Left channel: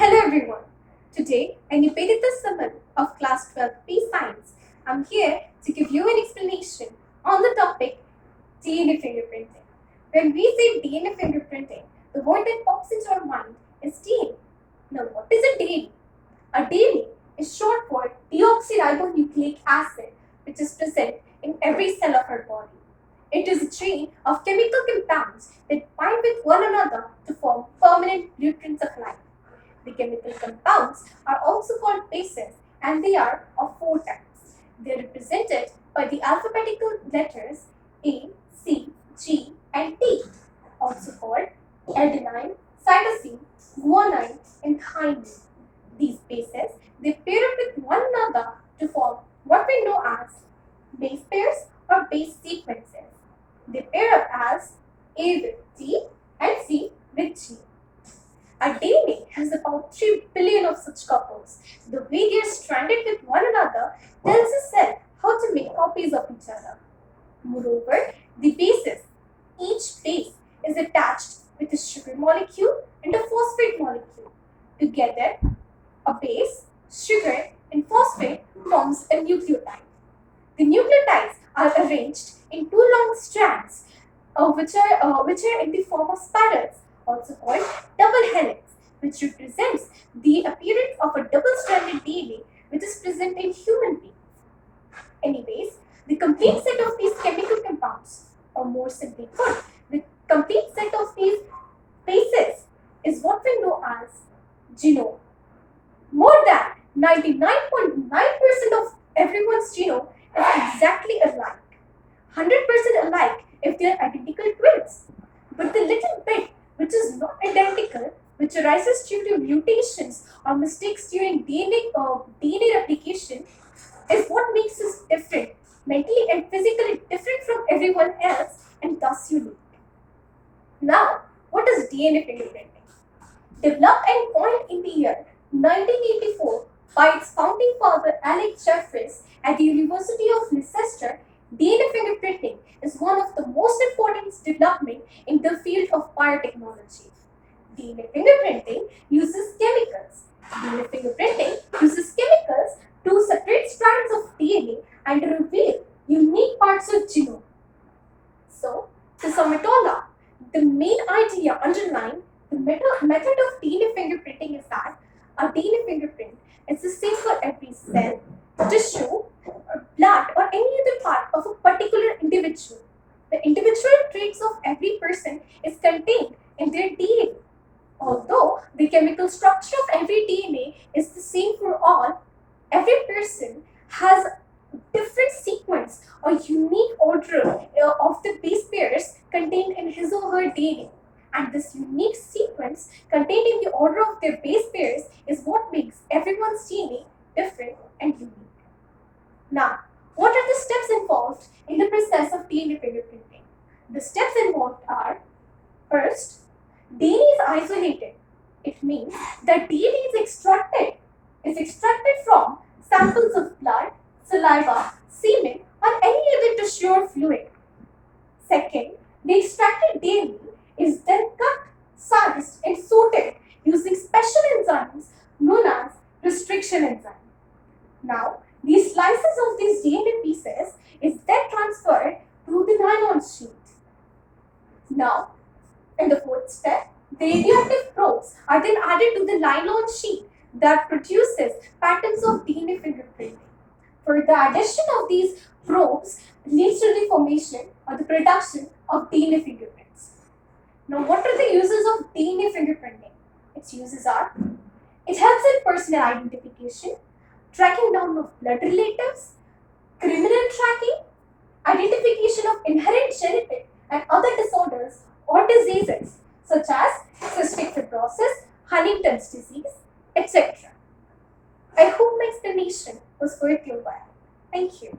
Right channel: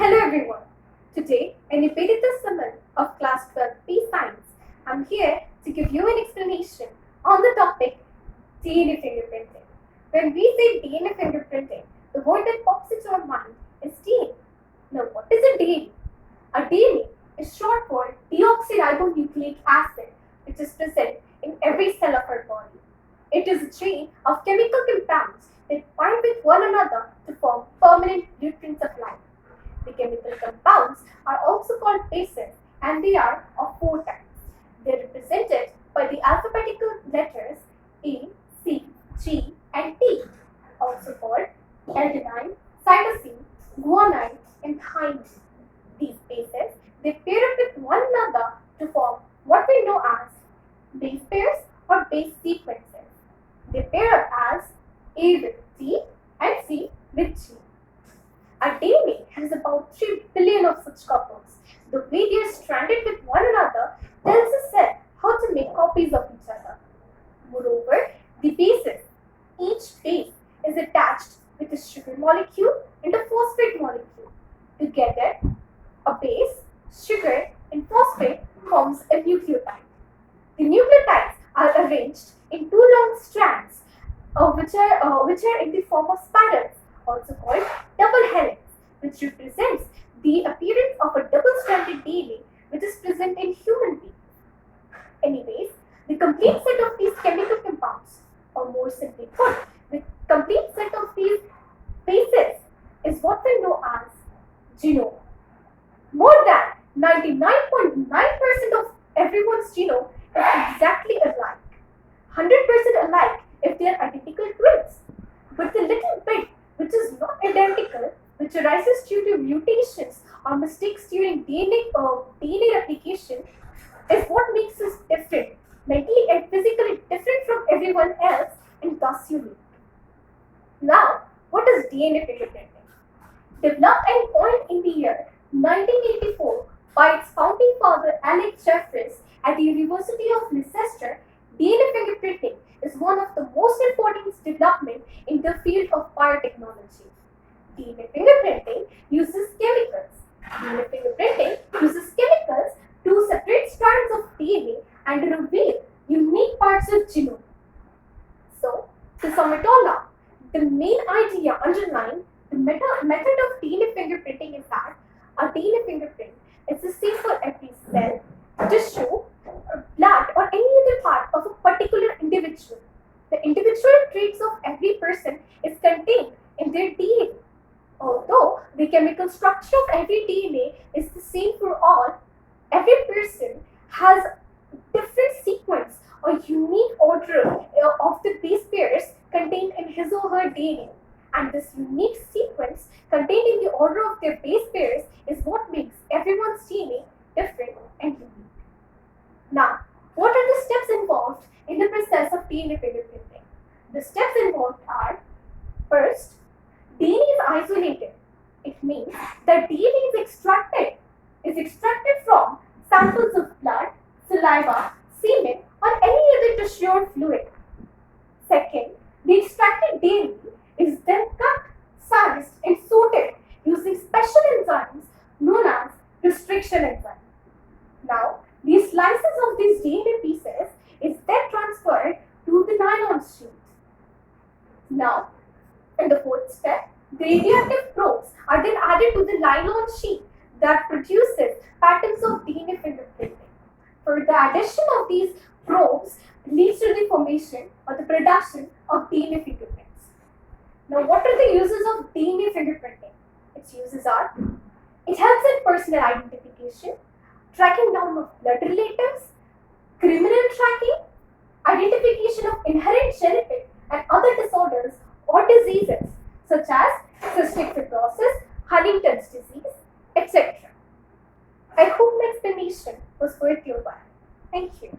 Hello everyone. Today, I'm Nibedita of Class 12B Science. I'm here to give you an explanation on the topic DNA fingerprinting. When we say DNA fingerprinting, the word that pops into our mind is DNA. Now, what is a DNA? A DNA is short for deoxyribonucleic acid, which is present in every cell of our body. It is a chain of chemical compounds that bind with one another to form permanent blueprints of life. The chemical compounds are also called bases, and they are of four types. They are represented by the alphabetical letters A, C, G, and T, also called adenine, cytosine, guanine, and thymine. These bases, they pair up with one another to form what we know as base pairs or base sequences. They pair up as A with T and C with G. Our DNA has about 3 billion of such couples. The way they are stranded with one another tells a cell how to make copies of each other. Moreover, the bases, each base is attached with a sugar molecule and a phosphate molecule. Together, a base, sugar, and phosphate forms a nucleotide. The nucleotides are arranged in two long strands, which are in the form of spirals, also called double helix, which represents the appearance of a double-stranded DNA which is present in human beings. Anyways, the complete set of these chemical compounds, or more simply put, the complete set of these bases is what we know as genome. More than 99.9% of everyone's genome is exactly alike. 100% alike if they are identical twins. But the little bit which is not identical, which arises due to mutations or mistakes during DNA replication, is what makes us different, mentally and physically different from everyone else, and thus unique. Now, what is DNA fingerprinting? Developed and coined in the year 1984 by its founding father Alex Jeffries at the University of Leicester, DNA fingerprinting is one of the most important developments in the field of biotechnology. DNA fingerprinting uses chemicals. DNA fingerprinting uses chemicals to separate strands of DNA and reveal unique parts of genome. So, to sum it all up, the main idea underlying the method of DNA fingerprinting is that a DNA fingerprint is the same for every cell, tissue, blood, or any other part of a particular individual. The individual traits of every person is contained in their DNA. Although the chemical structure of every DNA is the same for all, every person has different sequence or unique order of the base pairs contained in his or her DNA. And this unique sequence contained in the order of their base pairs is what makes everyone's DNA different and unique. Now, what are the steps involved in the process of DNA fingerprinting? The steps involved are: first, DNA is isolated. It means that DNA is extracted from samples of blood, saliva, semen, or any other tissue or fluid. Second, the extracted DNA is then cut, sized, and sorted using special enzymes known as restriction enzyme. Now, these slices of these DNA pieces is then transferred to the nylon sheet. Now, in the fourth step, the radioactive probes are then added to the nylon sheet that produces patterns of DNA fingerprinting. For the addition of these probes leads to the formation or the production of DNA fingerprints. Now, what are the uses of DNA fingerprinting? Its uses are: it helps in personal identification, tracking down of blood relatives, criminal tracking, identification of inherent genetic and other disorders or diseases such as cystic fibrosis, Huntington's disease, etc. I hope my explanation was worth your while. Thank you.